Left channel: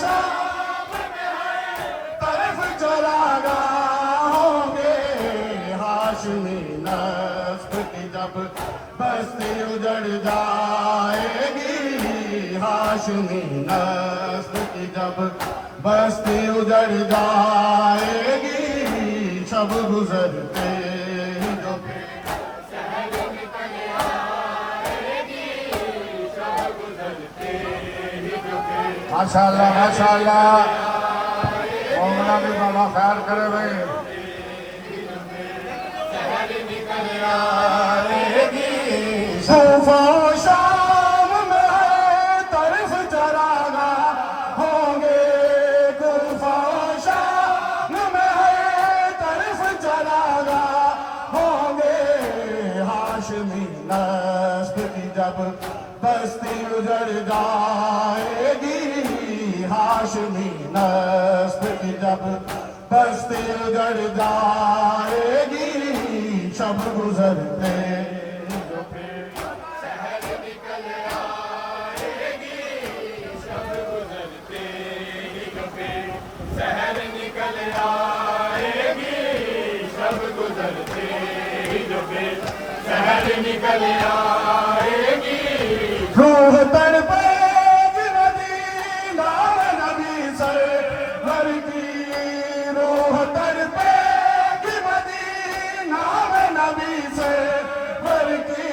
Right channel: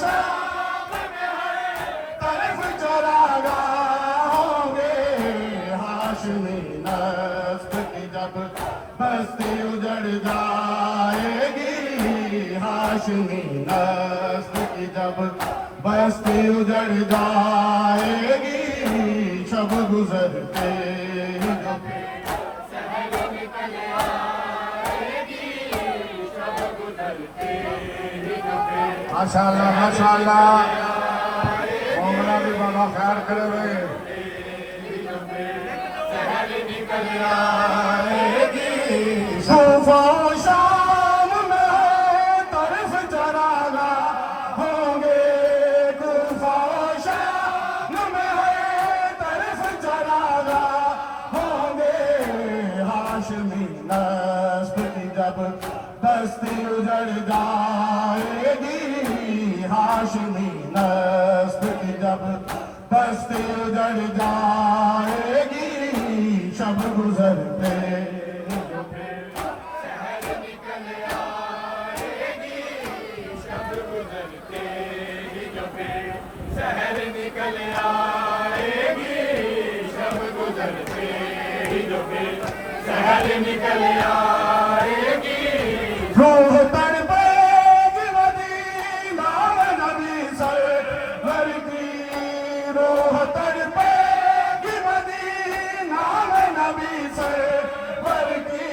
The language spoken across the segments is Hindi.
शाम में हर तरफ चरागा होंगे हाशमी नस्ब की जब बस्ती उजड़ जाएगी हाशमी नस्ब की जब बस्ती उजड़ जाएगी शब गुजरते ही जो शहर निकल आएगी शब गुजरते ही जो माशाअल्लाह माशाअल्लाह मौला भी बाबा खैर करे भाई शहर निकल आएगी सूफा शाम में तरफ चरागा होंगे तूफा शाम में तरफ चरागा होंगे हाशमी नस्ब की जब बस्ती उजड़ जाएगी हाशमी नस्ब की जब बस्ती उजड़ जाएगी शब गुजरते जो फिर शहर निकल आएगी शब गुजरते जो फिर शहर निकल आएगी शब गुजरते जो फिर शहर निकल आएगी रूह तड़पेगी मदीना में नबी सरवर की रूह तड़पेगी मदीना में नबी सरवर की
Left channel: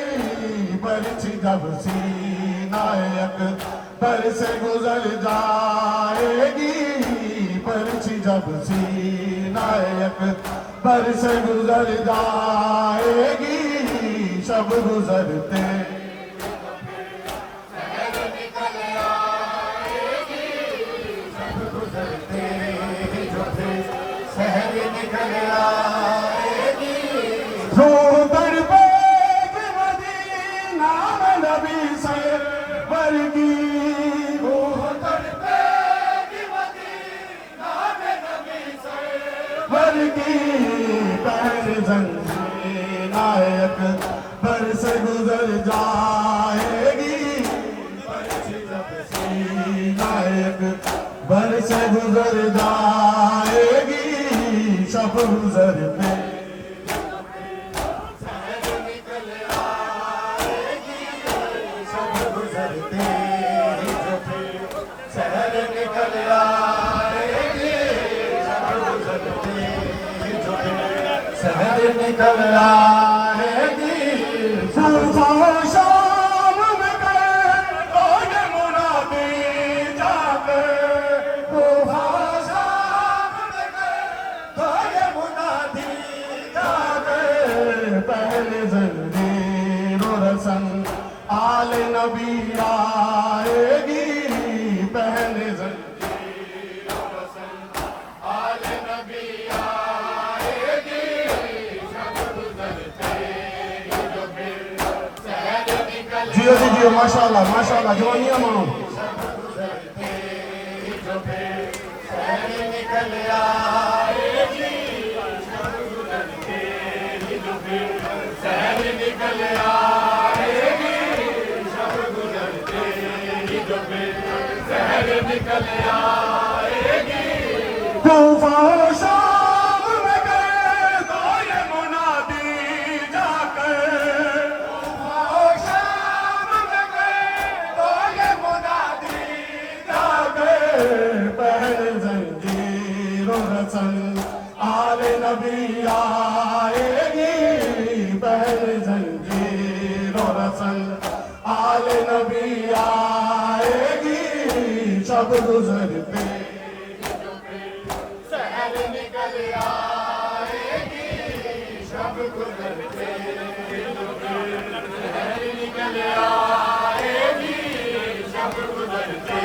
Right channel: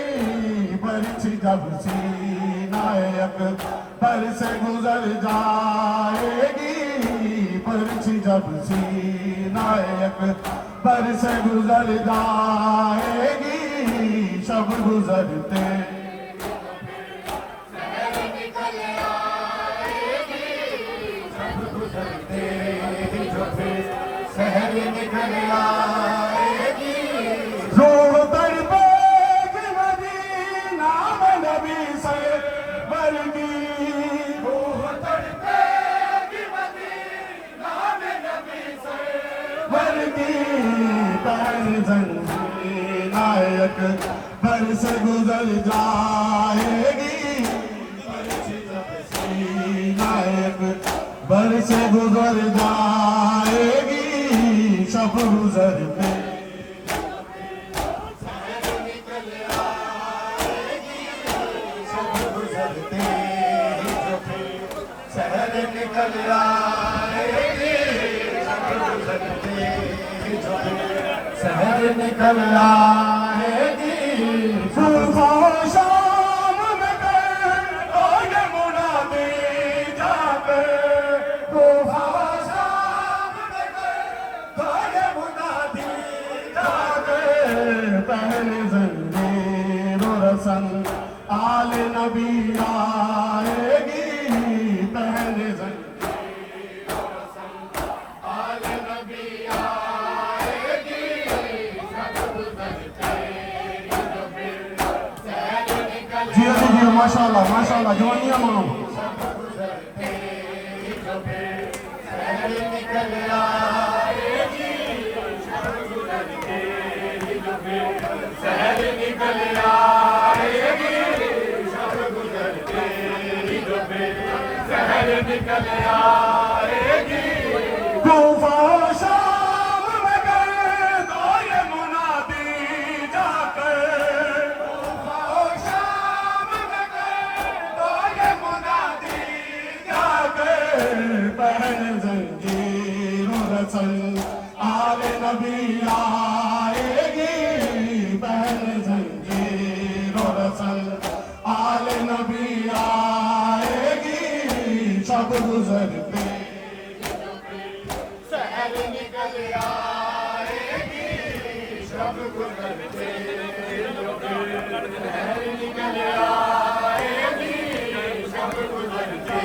बरछी जब सीनायक पर से गुजर जाएगी बरछी जब सीनायक पर से गुजर जाएगी शब गुजरते शहर निकल आएगी रूह तड़पेगी मदीना में नबी सरवर की रूह तड़पेगी मदीना में नबी सरवर की पर जंजीर नायक पर से गुजर जाएगी नायक बर से गुजर जाएगी शब गुजरते शहर निकल आएगी शब गुजरते जो फिर शहर निकल आएगी शब गुजरते जो फिर शहर निकल आएगी सूफा शाम में कर आगे मुनादी जाकर सूफा शाम में कर आगे मुनादी जाकर पहले जंजीर रसन आले नबी आएगी पहले जंजीर रसन आले नबी आएगी शब गुजरते जो फिर शहर निकल जियो माशाअल्लाह माशाअल्लाह जवानियों शब गुजरते जो फिर शहर निकल आएगी शब गुजरते जो फिर शहर निकल आएगी शब गुजरते जो फिर शहर निकल आएगी तूफा शाम में करता ये मुनादी जाकर तूफा शाम में करता ये मुनादी जाकर पहले जंजीर रसन आले नबी आएगी पहले जंजीर रसन आले नबी आएगी शब गुजरते शहर निकल आएगी शब गुजरते शहर निकल आएगी शब गुजरते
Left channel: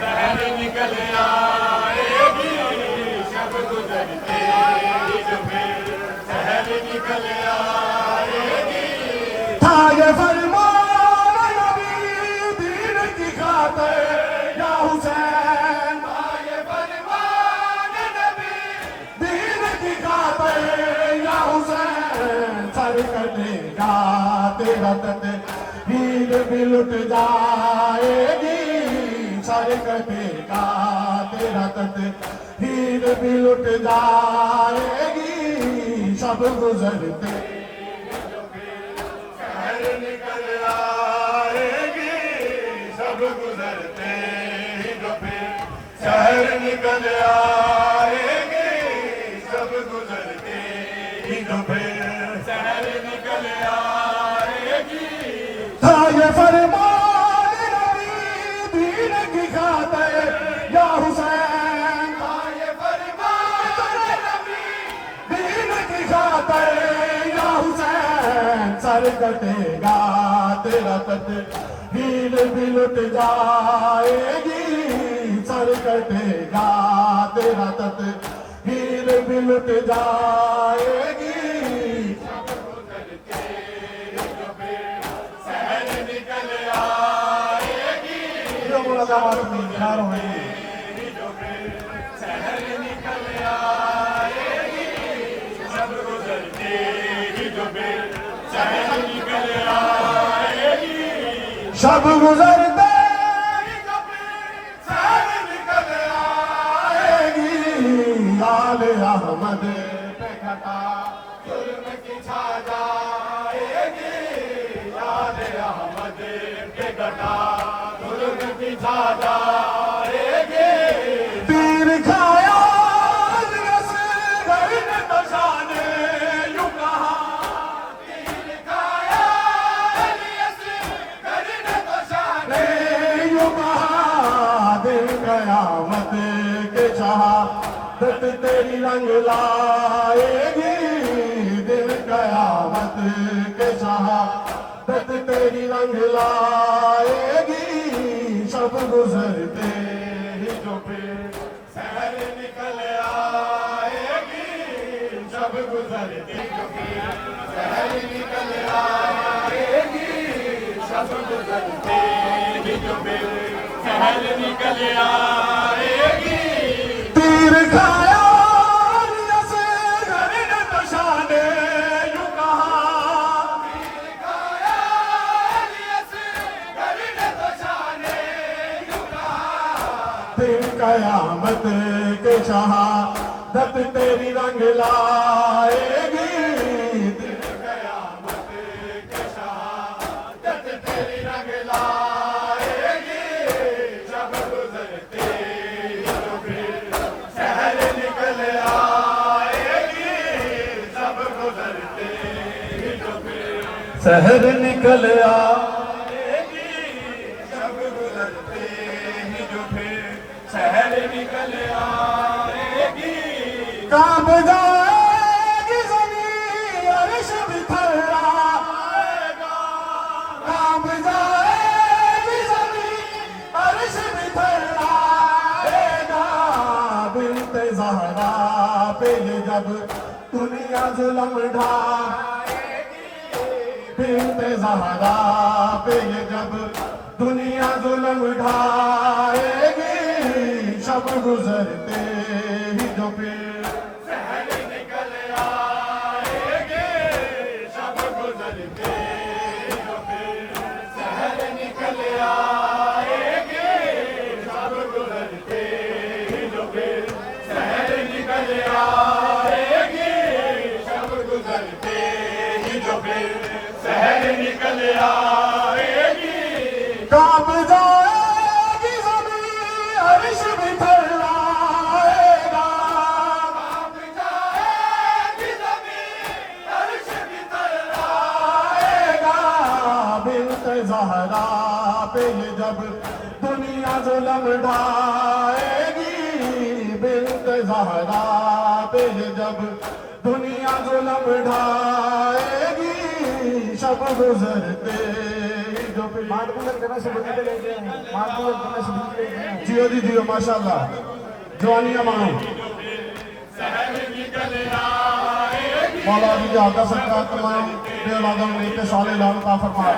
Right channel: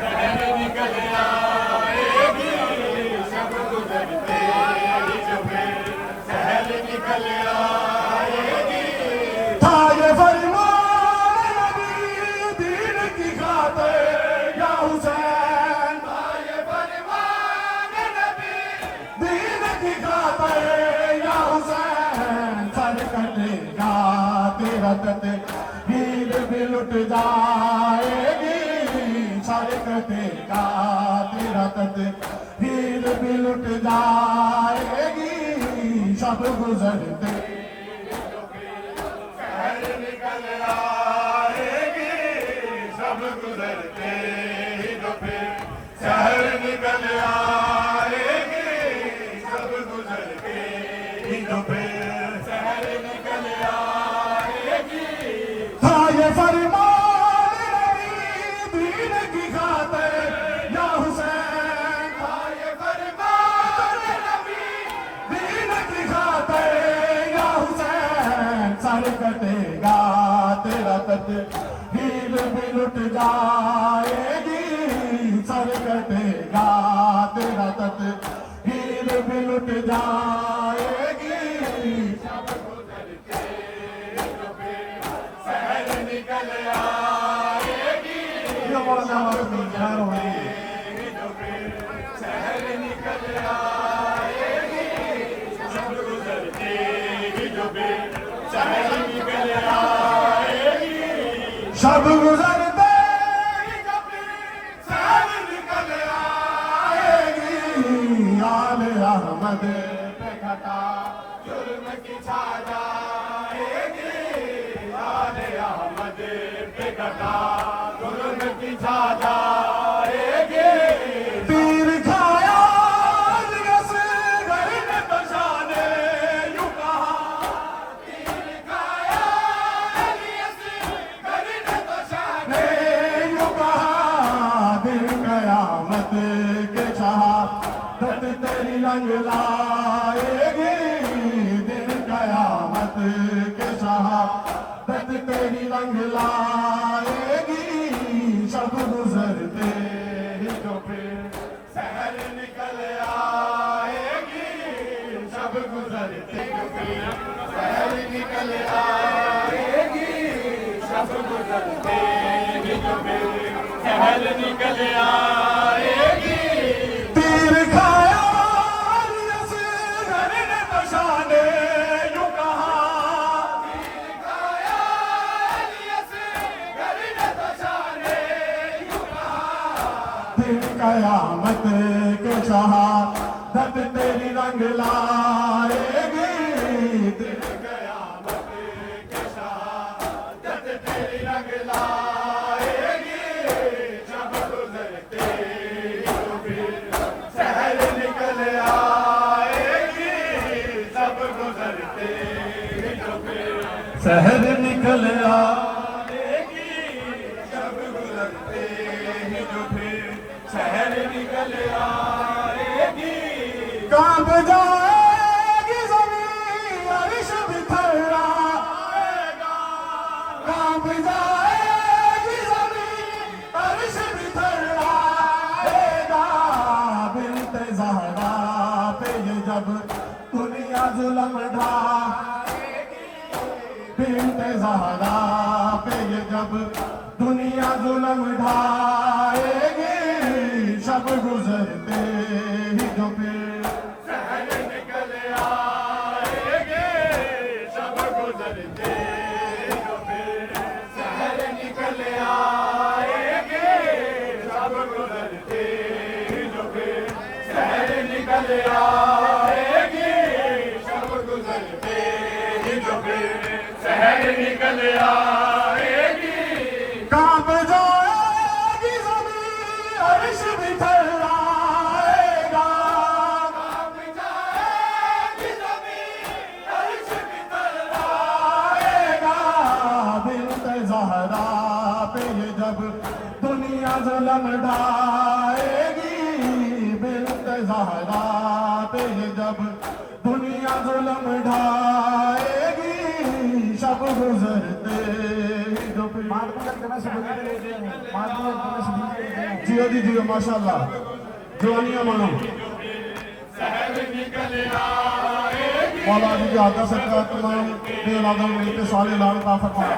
शहर निकल आएगी शब गुजरते शहर निकल आएगी था ये फरमान नबी दीन की खातिर या हुसैन था ये फरमान नबी दीन की खातिर या हुसैन सर कटेगा तेरा कते भीड़ भी लुट जाएगी सर कटेगा तेरा तकदीर भी लुट जाएगी शब गुजरते शहर निकल आएगी शब गुजरते जो फिर शहर निकल आएगी शब गुजरते जो फिर शहर निकल आएगी था ये फरमान नबी दीन की खातिर या हुसैन था ये फरमान नबी दीन की खातिर या हुसैन सर कटेगा तेरा तकदीर भी लुट जाएगी सर कटेगा तेरा तकदीर भी लुट जाएगी शब गुजरते जो फिर शहर निकल आएगी जो फिर शहर निकल आएगी शब गुजरते जो फिर शहर निकल आएगी शब गुजरते आले अहमद पे घटा जुल्म की छा जाएगी आले अहमद पे घटा जुल्म की छा जाएगी तीर खाया घर ने तो शाने यूं कहा तीर खाया घर ने तो शाने यूं कहा दिन कयामत के शहादत तेरी रंग लाएगी दिन कयामत के शहादत तेरी रंग लाएगी शब गुजरते ही जो फिर शहर निकल आएगी शब गुजरते जो फिर शहर निकल आएगी शब गुजरते ही जो फिर शहर निकल आएगी तीर खाया से घर ने तो शाने यूं कहा तीर खाया से घर ने तो शाने यूं कहा दिन कयामत के शहादत तेरी रंग लाएगी दिन कयामत के शहादत तेरी रंग लाएगी शब गुजरते जो फिर शहर निकल आएगी शब गुजरते जो फिर शहर निकल आएगी शब गुजरते जो फिर शहर निकल आएगी कांप जाएगी ज़मीन अर्श बिखर आएगा कांप जाएगी ज़मीन अर्श बिखर आएगा बिन्ते ज़हरा पे ये जब दुनिया जुल्म ढाएगी बिन्ते ज़हरा पे ये जब दुनिया जुल्म ढाएगी शब गुजरते ही जो फिर शहर निकल आएगी शब गुजरते जो फिर शहर निकल आएगी शब गुजरते जो फिर शहर निकल आएगी शब गुजरते जो फिर शहर निकल आएगी कांप जाएगी ज़मीन अर्श बिखर आएगा कांप जाएगी ज़मीन अर्श बिखर आएगा बिन्ते ज़हरा पे ये जब दुनिया जुल्म ढाएगी बिन्ते ज़हरा पे ये जब दुनिया जुल्म ढाएगी शब गुजरते जो फिर जियो जी जियो माशाल्लाह जवानियां मानो मौला जी की आदत सरकार तमाम बेवादों में के साले लाल का फरमान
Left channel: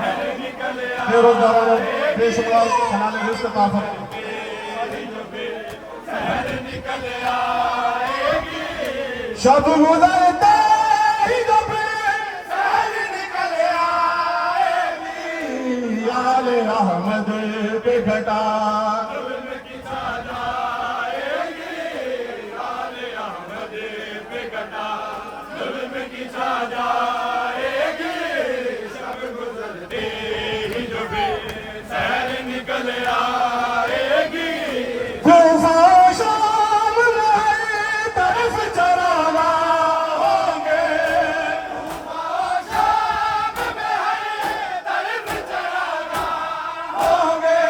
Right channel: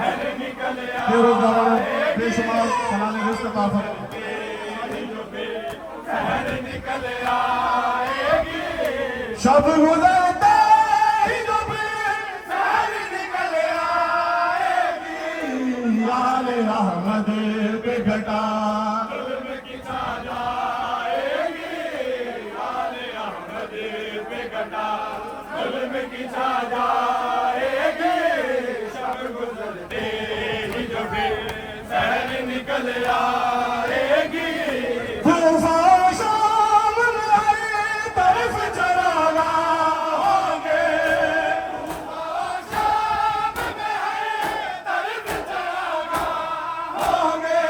बेरोजगारों बेशुमार हलाल रिज़्क़ का फरमान शब गुजरते ही जो फिर शहर निकल आएगी आले अहमद पे घटा जाएगी, शब गुजरते ही जो भी सहर निकल आएगी। तूफान शाम में तरफ चराना होंगे, तूफान शाम में है तरफ चराना होंगे।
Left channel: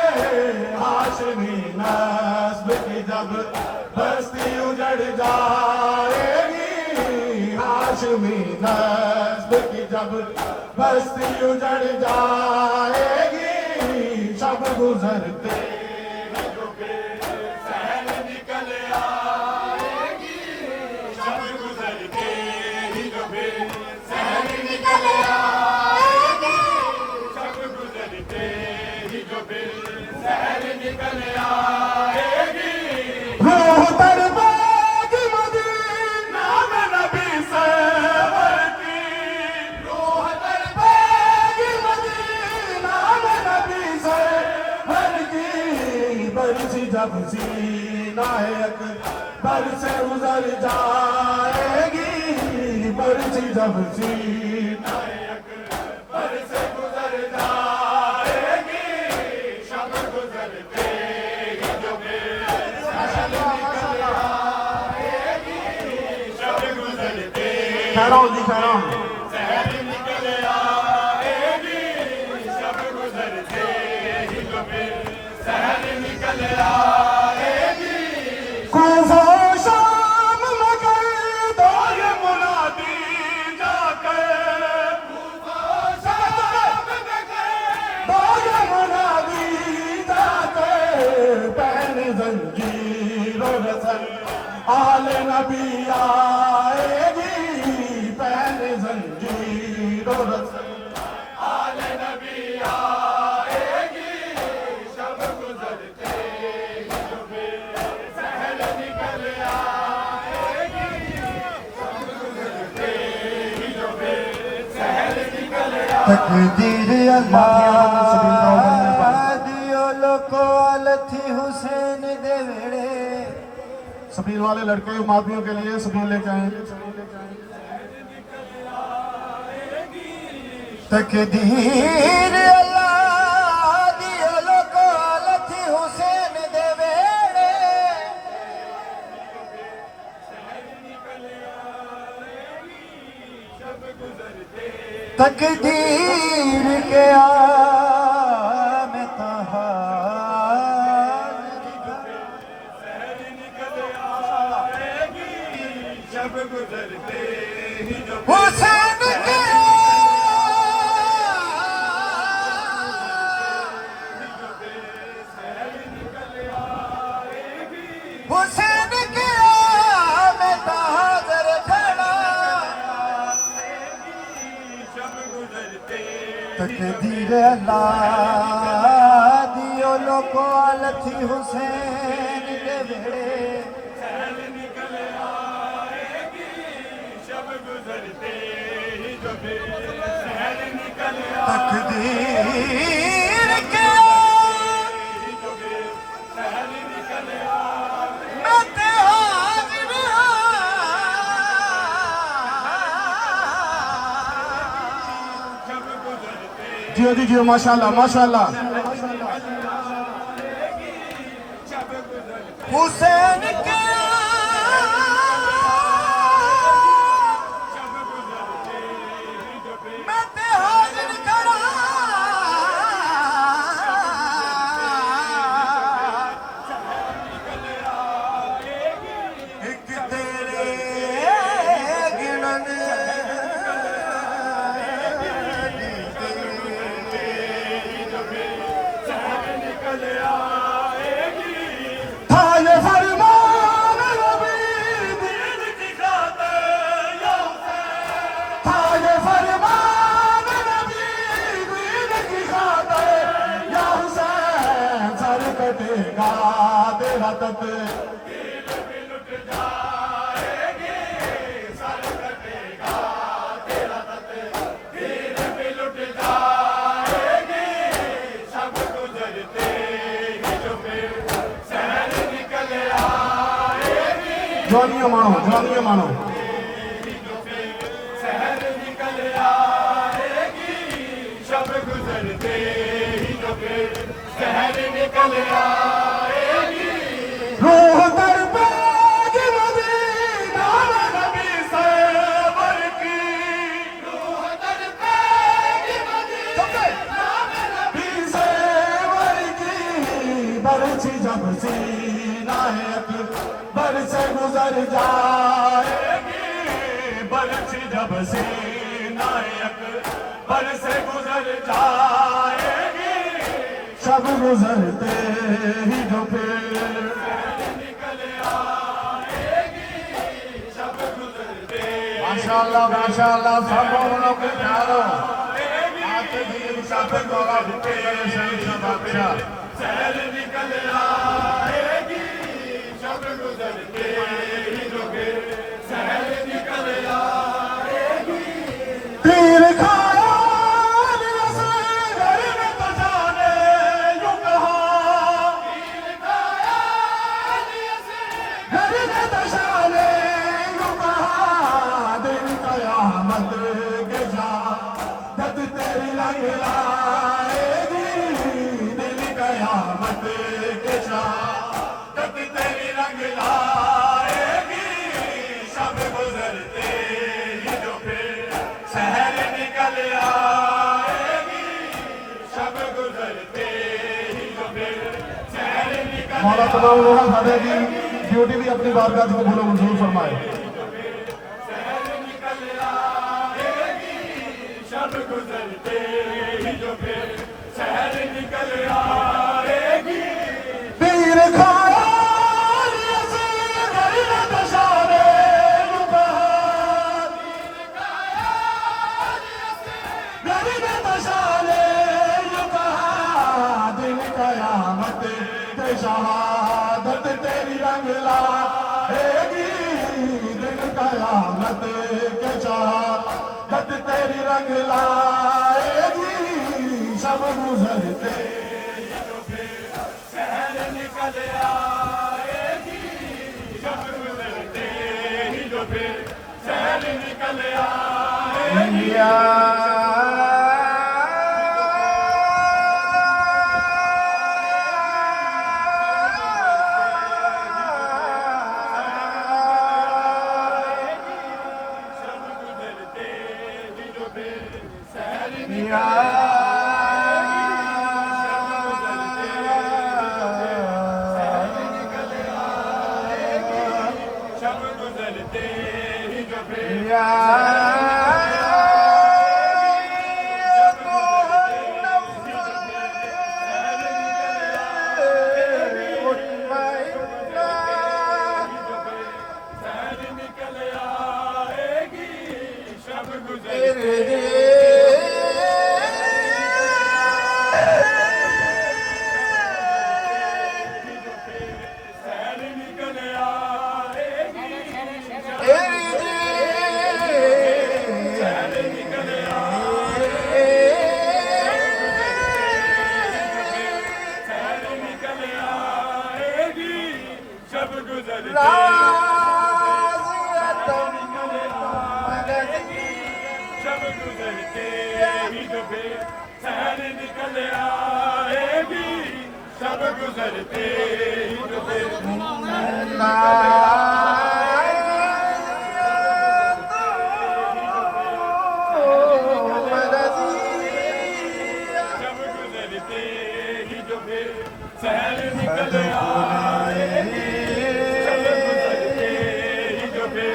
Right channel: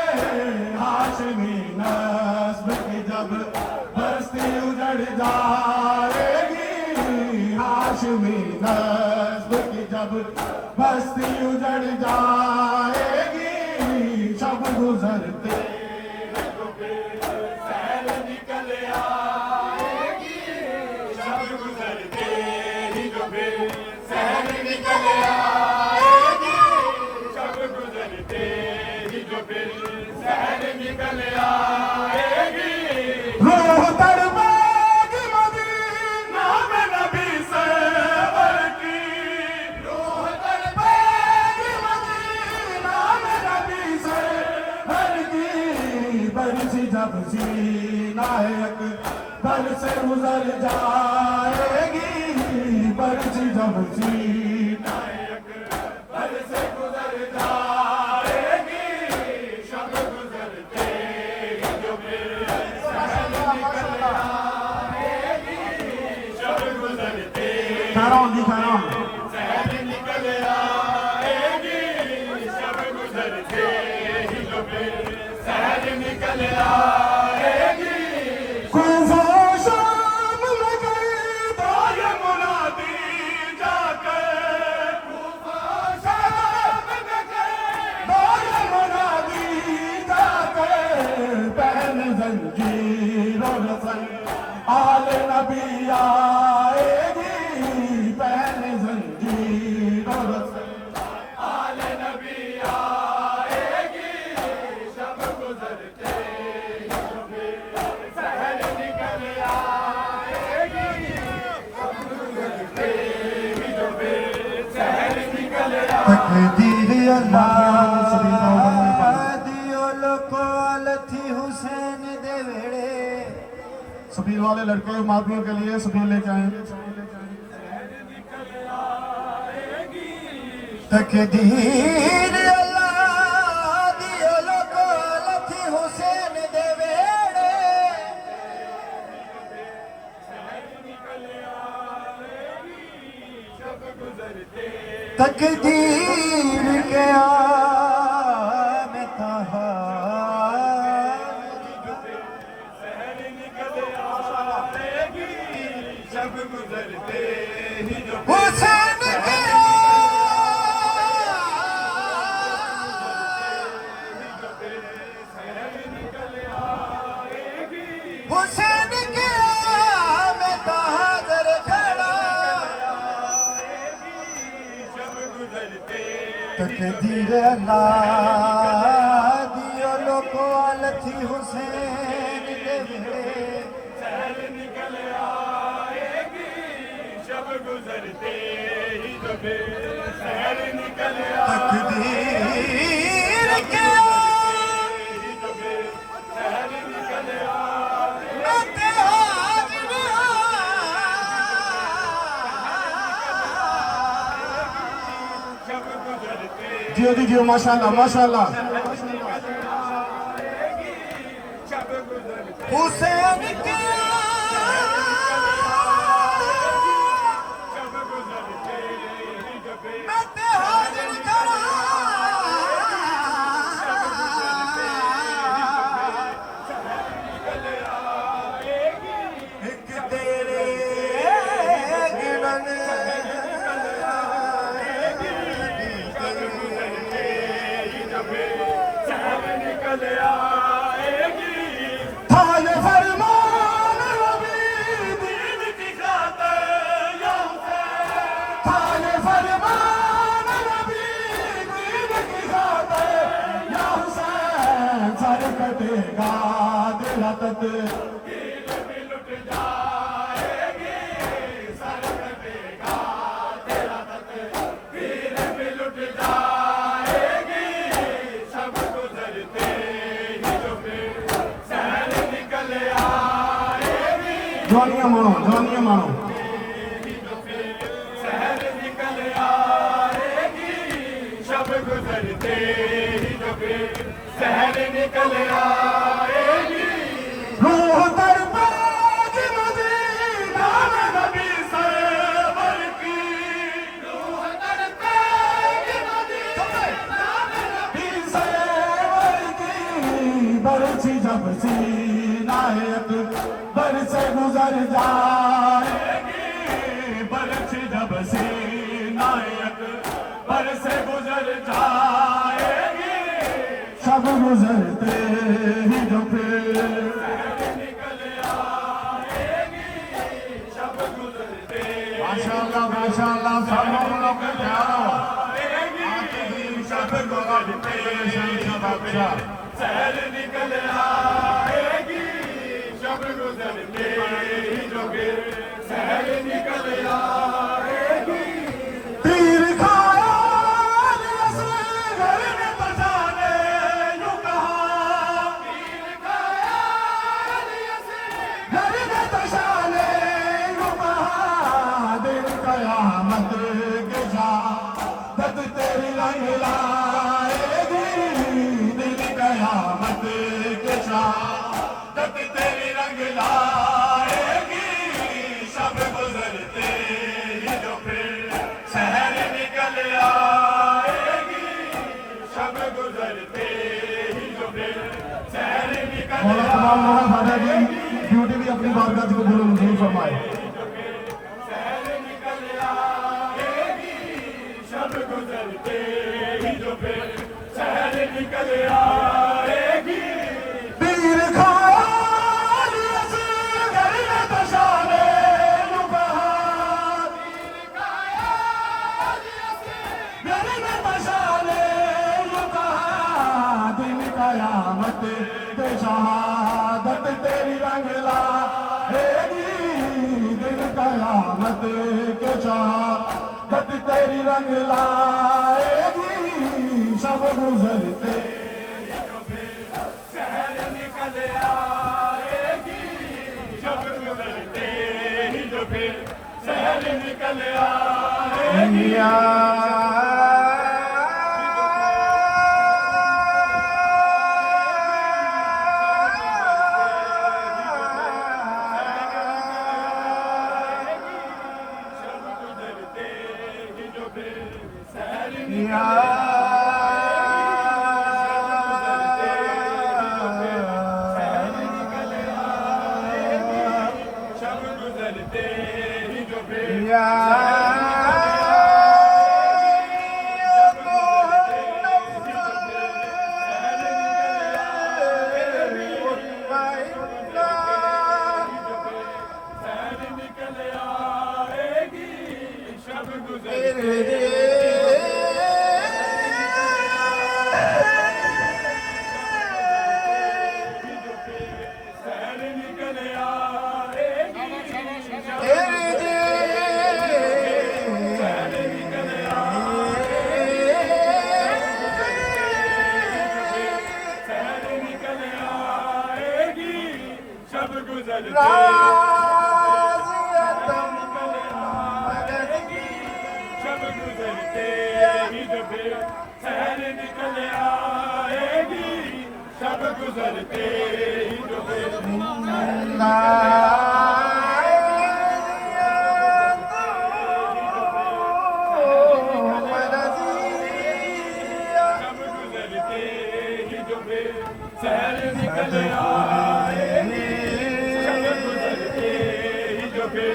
हाशमी नस्ब की जब बस्ती उजड़ जाएगी, हाशमी नस्ब की जब बस्ती उजड़ जाएगी, शब गुजरते सहर निकल आएगी, शब गुजरते ही जो भी सहर निकल आएगी, शब गुजरते ही जो भी सहर निकल आएगी। रूह तड़पेगी मदीना में नबी से की, रूह तड़पेगी मदीना में नबी से की। बरसी जब सीना अकबर से गुजर जाएगी, बरसी जब सीना अकबर से गुजर जाएगी, शब गुजरते ही जो भी सहर निकल आएगी, शब गुजरते खैरों जी खैरों सहर निकल आएगी, शब गुजरते ही जो भी सहर निकल आएगी। कूफा शाम में गए तो ये मुनादी जाकर, तूफान शाम में गए तो ये मुनादी जाकर। पहन जंजीरों रसल आले नबी आएगी, पहन जंजीरों रसल आले नबी आएगी, शब गुजरते ही जो भी सहर निकल आएगी, शब गुजरते ही जो भी सहर निकल तकदीर अल्लाह दियो लोको लथी हुसैन दे वेड़े सबील वाले लड़के मादियों के लिए सबील लेके आए। तकदीर अल्लाह दियो लोको लथी हुसैन दे वेड़े तकदीर के आम तहा सहर निकल आएगी, शब गुजरते ही जो भी हुसैन के सहर निकल आएगी, हुसैन के आम तहा दर खड़ा शब गुजरते तकदीर अल्लाह दियो लोको लथी हुसैन दे वेड़े सहर निकल आएगी, शब गुजरते ही जो भी सहर निकल तकदीर के ही जो भी सहर निकल आएगी, मते हाजिर शब गुजरते जियो जी जियो माशाल्लाह माशाल्लाह। शब गुजरते हुसैन के शब गुजरते ही जो भी मते हाजिर करा एक तेरे गिनन सहर निकल आएगी, था ये फरमान नबी दीन की खातिर या हुसैन, था ये फरमान नबी दीन की खातिर या हुसैन। सर कटेगा तेरा तक लुट जाएगी, सर कटेगा तेरा तक फिर भी लुट जाएगी, शब गुजरते ही जो फिर सहर निकल आएगी, जवानियां मानो जवानियां मानो। सहर निकल ही जो फिर शहर निकल आएगी। रूह दरबार मदीना में नबी सरवर की, रूह दरबार मदीना में नबी सरवर की बरछी जब सीनाए अकबर से गुजर जाएगी, बरछी जब सीनाए अकबर से गुजर जाएगी, शब गुजरते ही जो फिर निकल आएगी। शब गुजरते माशाअल्लाह माशाअल्लाह सब लोगों को प्यारो शब गुजरते शहर निकल आएगी। शब गुजरते ही जो फिर शहर निकल आएगी। तीर खाया घर में तो जाने यूं कहा, तीर खाया घर में तो जाने यूं कहा, दिन कयामत के शहादत तेरी लंग लाएगी, दिन कयामत के शहादत तेरी रंग लाएगी, शब गुजरते ही जो फिर शहर निकल आएगी। शब गुजरते ही जो फिर शहर निकल मौला तमाम लोग साढ़े की ड्यूटी भी अपनी बारगाह से कबूल मंजूर फरमाए। शहर निकल आएगी। शब गुजरते ही जो फिर शहर निकल आएगी। तीर खाया घर में तो जाने यूं कहा, घर में तो जाने यूं कहा, दिन कयामत के शहादत तेरी रंग लाएगी, दिन कयामत के शहादत तेरी रंग लाएगी, शब गुजरते शहर निकल आएगी। शब गुजरते ही जो फिर शहर निकल आएगी। शब गुजरते ही जो फिर शहर निकल आएगी। शब गुजरते ही जो फिर शहर निकल आएगी। शब गुजरते ही जो फिर शब गुजरते ही जो फिर शहर निकल आएगी। शहर निकल आएगी। शब गुजरते शहर निकल आएगी। शहर निकल आएगी। शहर निकल आएगी। शब गुजरते शब गुजरते ही जो फिर शहर निकल आएगी। शब गुजरते ही जो फिर शहर निकल शब गुजरते ही जो फिर शहर निकल आएगी। शब गुजरते ही जो फिर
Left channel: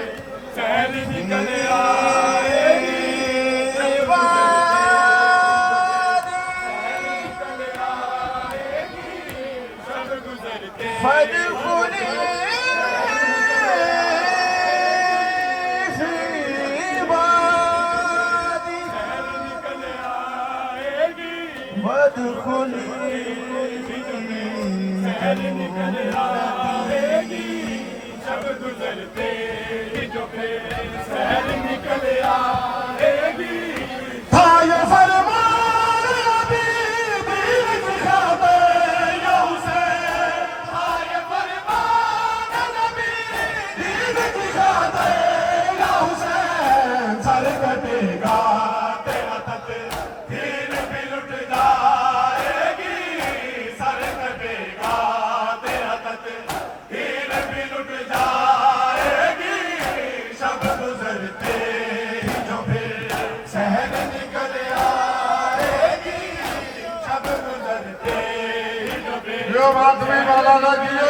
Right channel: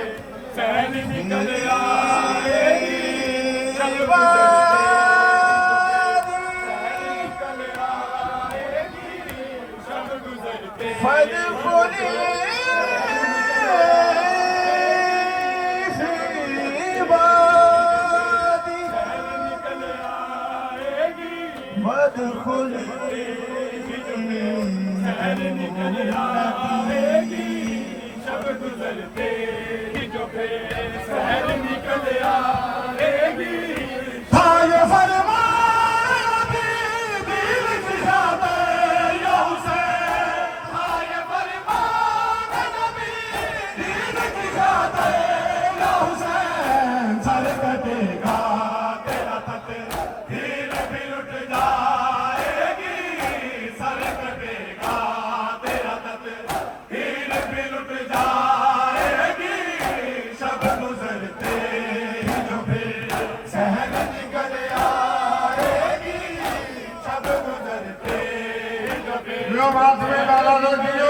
शहर निकल आएगी। शब गुजरते शहर निकल आएगी। शब गुजरते शहर निकल आएगी। शहर निकल आएगी। शब गुजरते ही जो फिर शहर निकल आएगी। था ये फरमान नबी दीन की खातिर या हुसैन, था ये फरमान नबी दीन की खातिर या हुसैन, सर कटेगा तेरा तकदीर भी लुट जाएगी। समाज में डाला जियो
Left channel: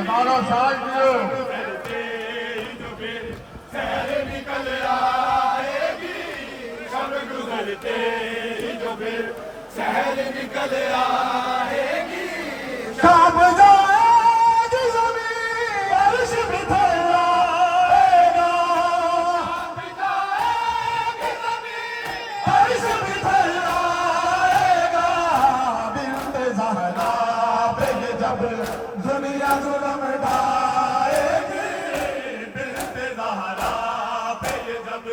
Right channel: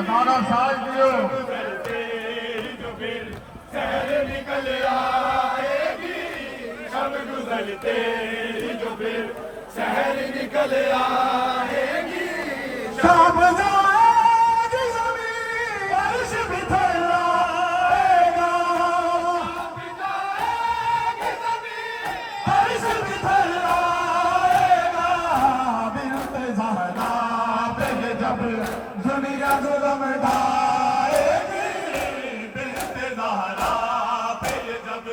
18 साल जियो शहर निकल आएगी शब गुजरते ही जो फिर शहर निकल आएगी कब जाएगी ज़मीन बारिश भी थर्राएगा बारिश भी थर्राएगा बिन्ते ज़हरा पे जब दुनिया जुल्म ढाएगी बिन्ते ज़हरा पे जब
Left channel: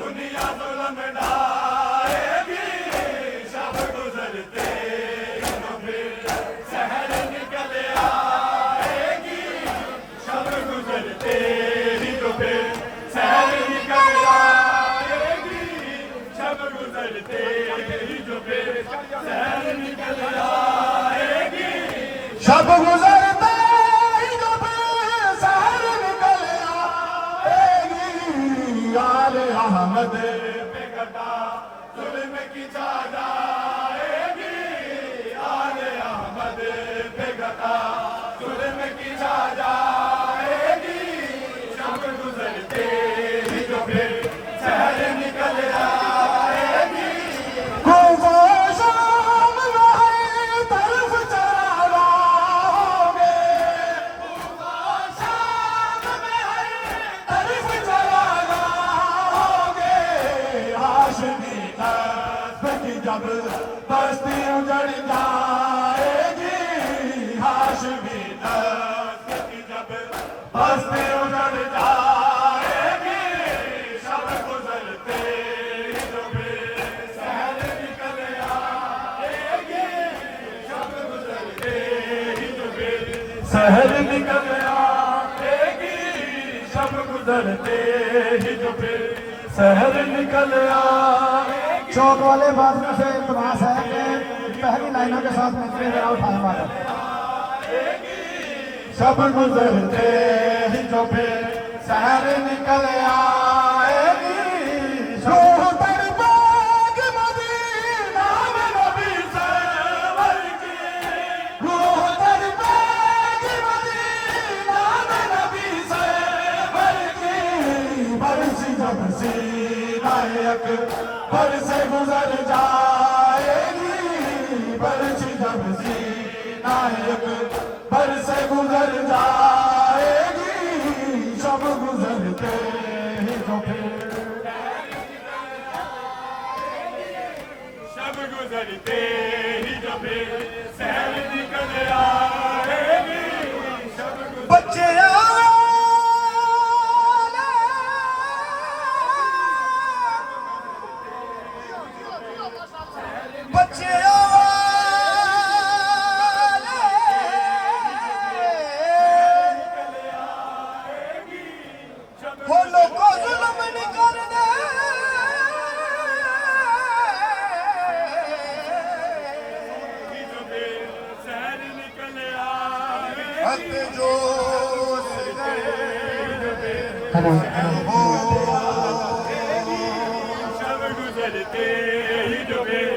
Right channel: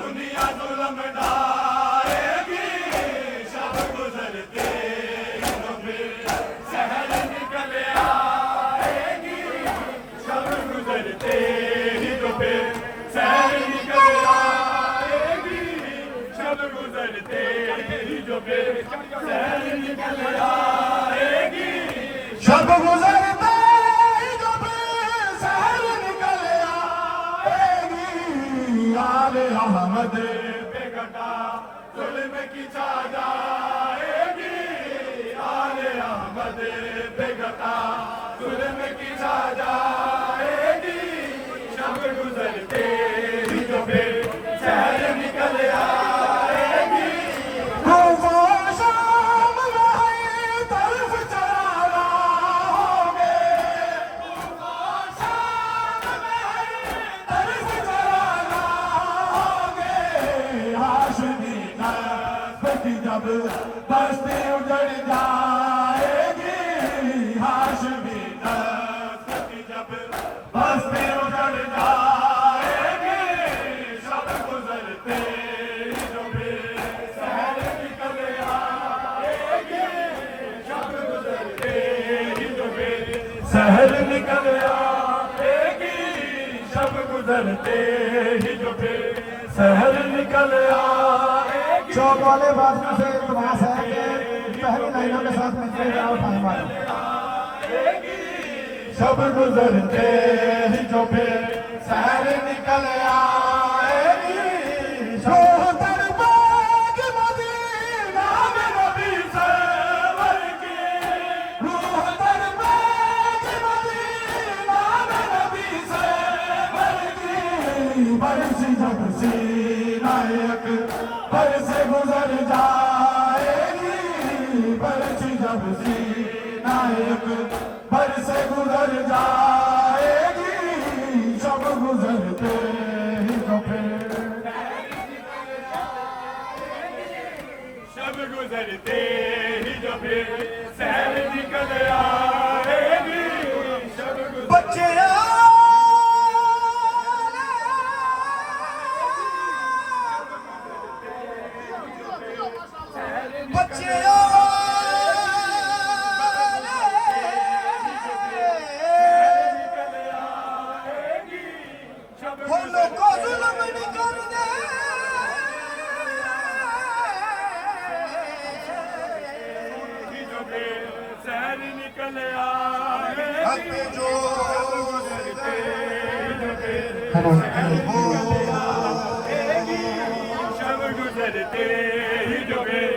दुनिया जुल्म ढाएगी शब गुजरते ही जो फिर शहर निकल आएगी शब गुजरते ही जो फिर शहर निकल आएगी शब गुजरते ही जो फिर शहर निकल आएगी शब गुजरते ही जब शहर निकल आएगी आले अहमद बेगटा जुल्म की छा जाएगी आले अहमद बेगटा जुल्म की छा जाएगी शब गुजरते ही जो फिर शहर निकल आएगी शाम में तरफ चला रहोगे शाम में तरफ चला रहोगे हाशमी की जब बस्ती उजड़ जाएगी हाशमी की जब बस्ती उजड़ जाएगी शब गुजरते ही जो फिर शहर निकल आएगी शब गुजरते ही जो फिर शहर निकल आएगी शब गुजरते ही जो फिर शहर निकल आएगी चौक वाले बाथरूम से इल्तमास है कि पहली लाइनों के साथ मिलते हुए उठाए हमारे शब गुजरते ही जो फिर शहर निकल आएगी शोहतर बाग मदीना में नबी सरवर की शोहतर बाग मदीना में नबी सरवर की बरसी जब सीनायक पर से गुजर जाएगी बरसी जब सीनायक पर से गुजर जाएगी शब गुजरते ही तो फिर शब गुजरते ही जो फिर शहर निकल आएगी शब गुजरते बच्चे बच्चे बोलो को जुल्म नहीं करने जो फिर शहर निकल आएगी जो जो फिर शब गुजरते ही जो फिर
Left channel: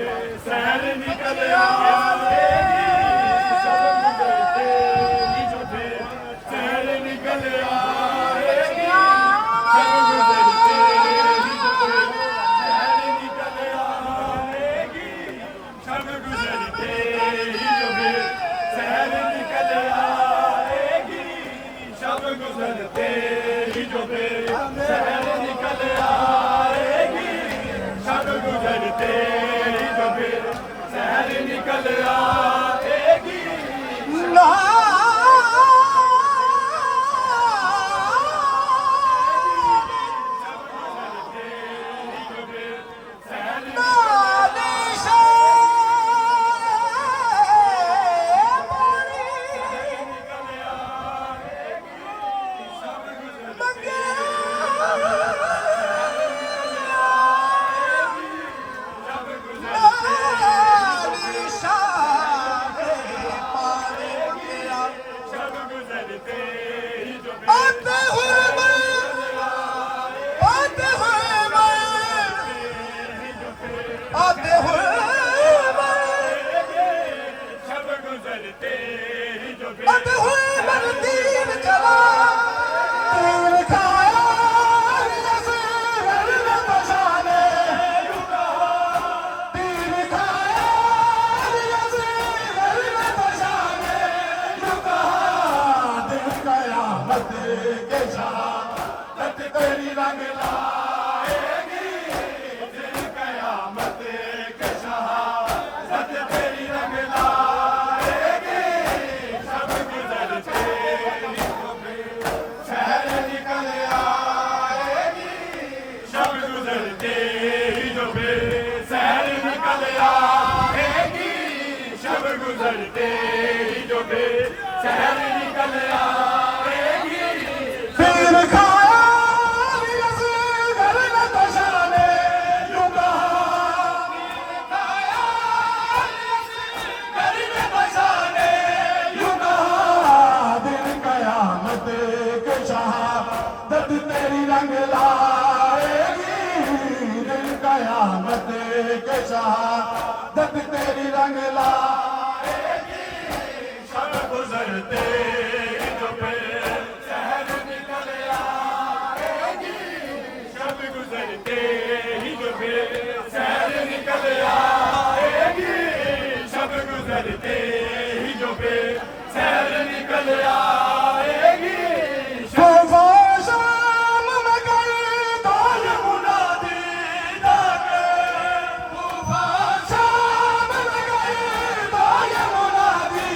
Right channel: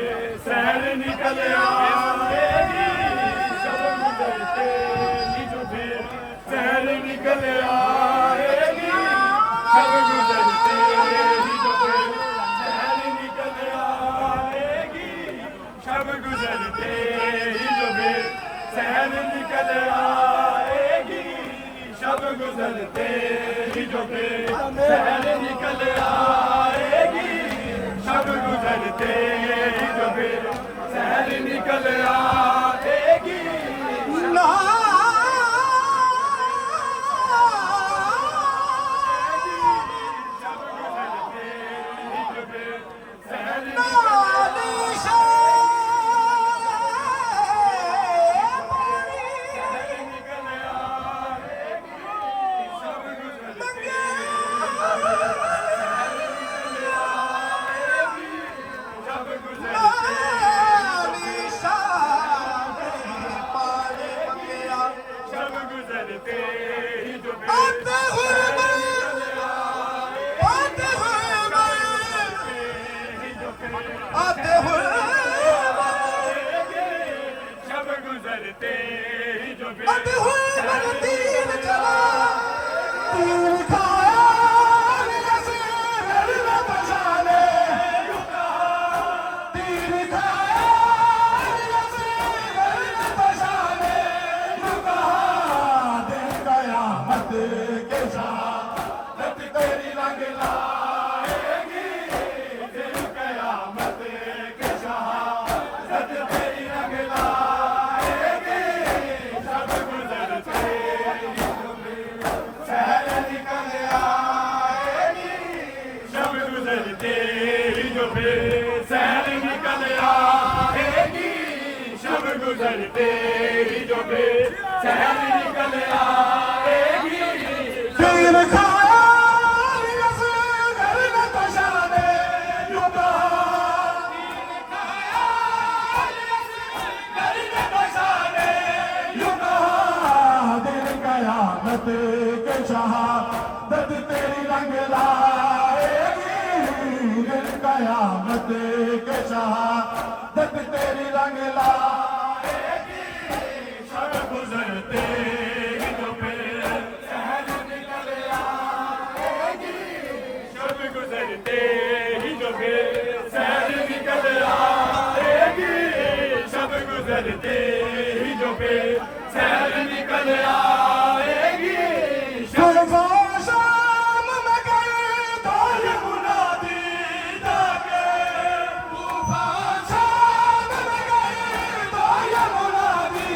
शहर निकल आएगी शब गुजरते ही जो फिर शहर निकल आएगी शब गुजरते ही जो फिर शहर निकल आएगी शब गुजरते ही जो फिर शहर निकल आएगी शब गुजरते ही जो फिर शहर निकल आएगी शब गुजरते ही जो फिर शहर निकल आएगी गुजरते ही जो फिर शहर निकल आएगी शाम में गई तो ये मुनादी जाके तूफान शाम में गई तो ये मुनादी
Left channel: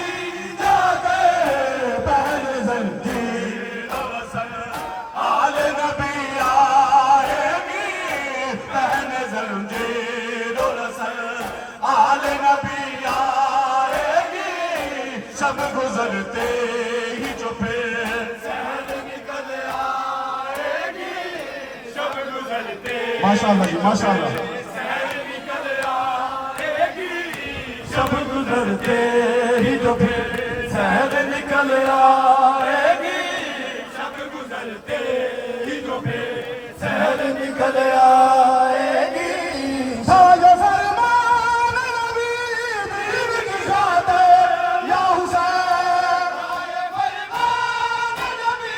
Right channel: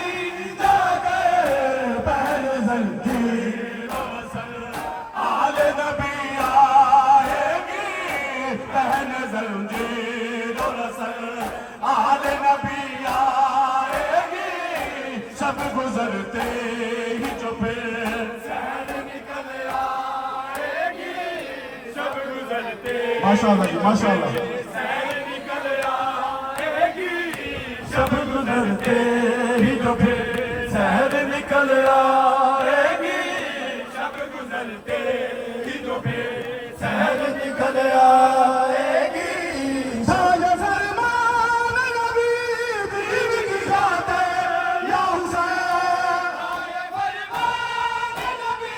जाके पहले जंजीर आल नबी आएगी पहन जंजीर रसल आल नबी आएगी सब गुजरते ही जो फिर शहर निकल आएगी सब गुजरते माशाअल्लाह जी माशाअल्लाह शहर निकल आएगी सब गुजरते ही जो फिर शहर निकल आएगी सब गुजरते ही जो फिर शहर निकल आएगी साजा फरमान नबी दीन की खातिर या हुसैन फरमान नबी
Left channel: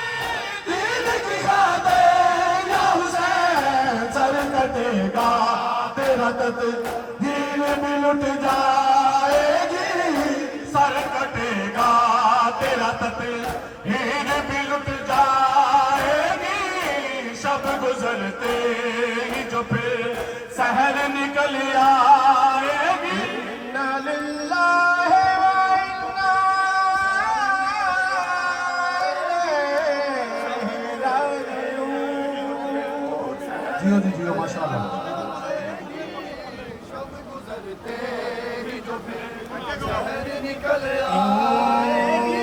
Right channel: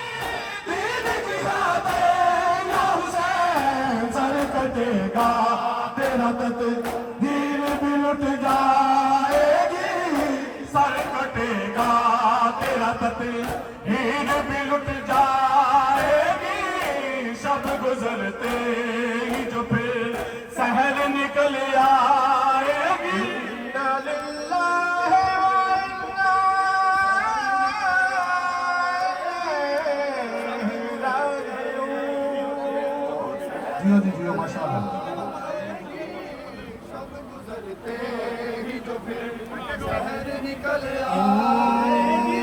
दीन की खातिर या हुसैन सर कटेगा तेरा तकदीर भी लुट जाएगी सर कटेगा तेरा तकदीर भी लुट जाएगी सब गुजरते ही जो फिर शहर निकल आएगी जियो जी जियो माशाअल्लाह सब गुजरते ही जो फिर शहर निकल आएगी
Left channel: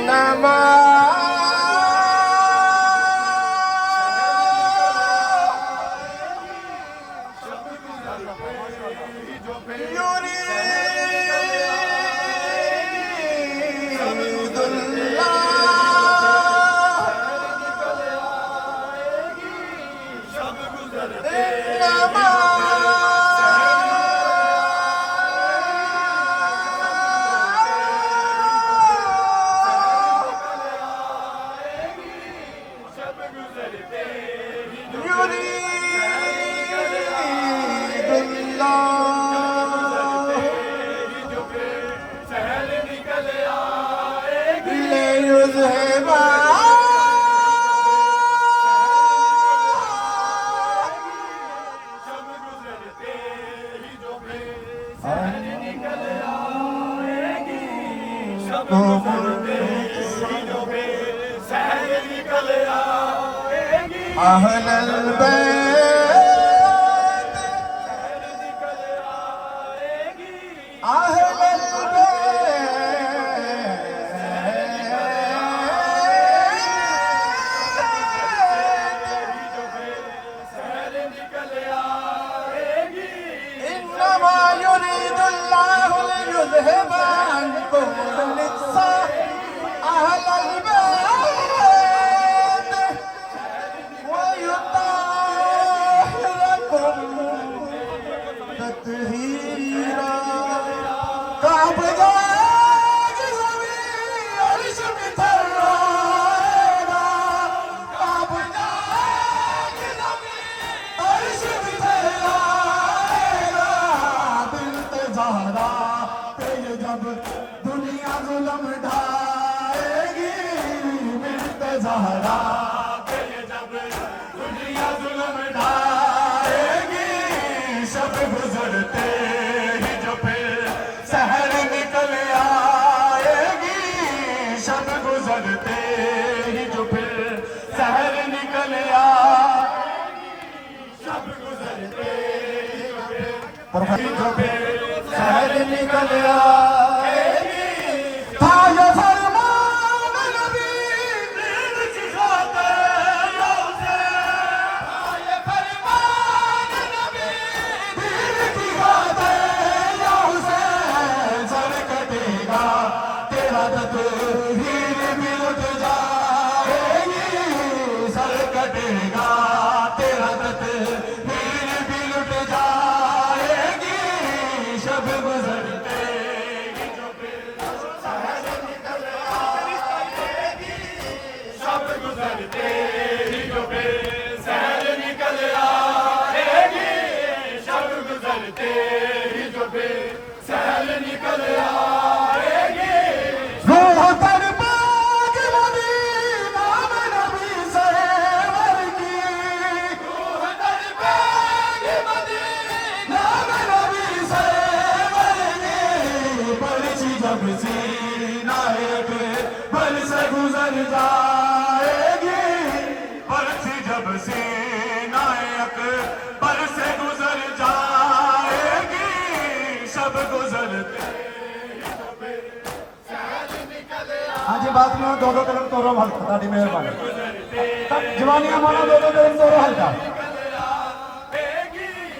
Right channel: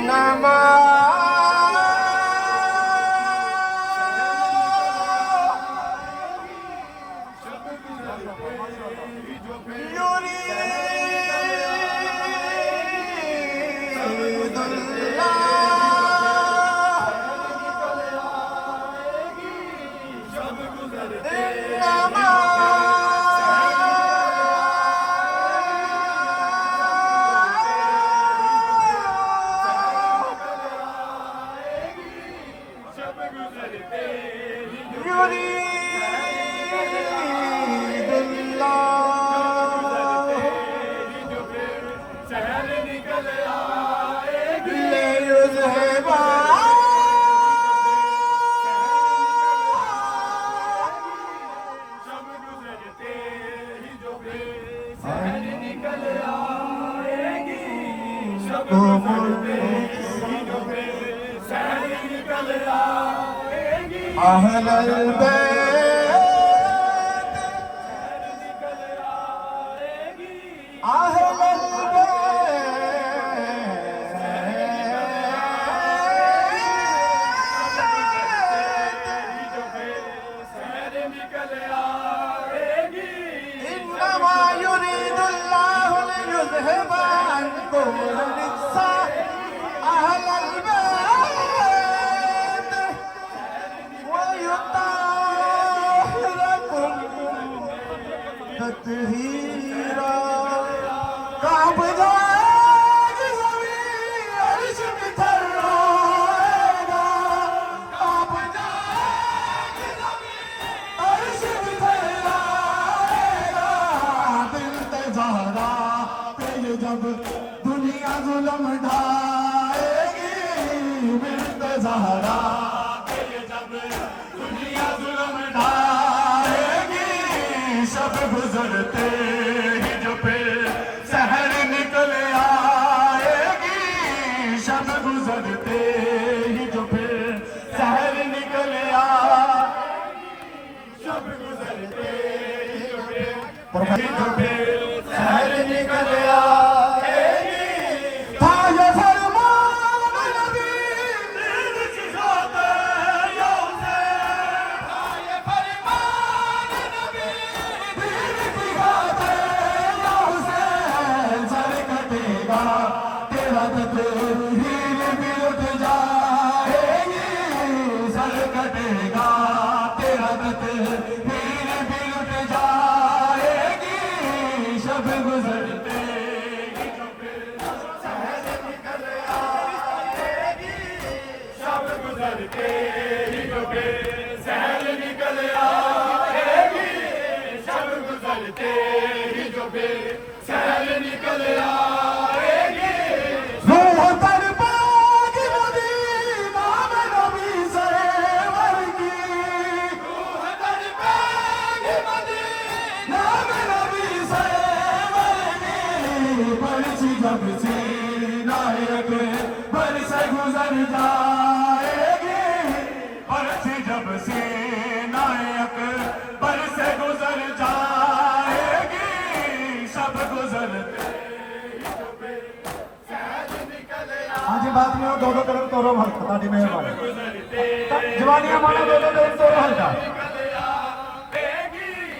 सब गुजरते ही जो फिर शहर निकल आएगी सब गुजरते शहर निकल आएगी सब गुजरते सब गुजरते ही जो गुजरते ही जो फिर शहर निकल आएगी सब गुजरते ही जो फिर शहर निकल आएगी सब गुजरते ही जो फिर शहर निकल आएगी अहलल बैत शहर निकल आएगी अहलल ही जो फिर शहर निकल आएगी इन्नमा युरीदुल्लाहु लियुज़हिब अन्कुम रिज्सा अहलल बैत व युताहिरकुम तत्हीरा कब जाएगी ज़मीन अर्श में थर्राएगा कब जाएगी ज़मीन अर्श में थर्राएगा बिनते ज़हरा तेरे जब दुनिया जुल्म ढाएगी बिनते ज़हरा तेरे जब दुनिया जुल्म ढाएगी सब गुजरते ही जो फिर शहर निकल आएगी सब गुजरते ही जो फिर शहर निकल आएगी सब गुजरते ही जो फिर शहर निकल आएगी ताज़ा फरमान नबी दीन की खातिर या हुसैन ताज़ा फरमान नबी दीन की खातिर या हुसैन सर कटेगा तेरा तकदीर भी लुट सीनाए अकबर से गुजर जाएगी, बरसी जब सीनाए अकबर से गुजर जाएगी, शब गुजरते हाँ जी बात लो 2-2 किलोमीटर और हल्का ਤੁਹਾਡੀ ਮਿਹਰਬਾਨੀ गुजरते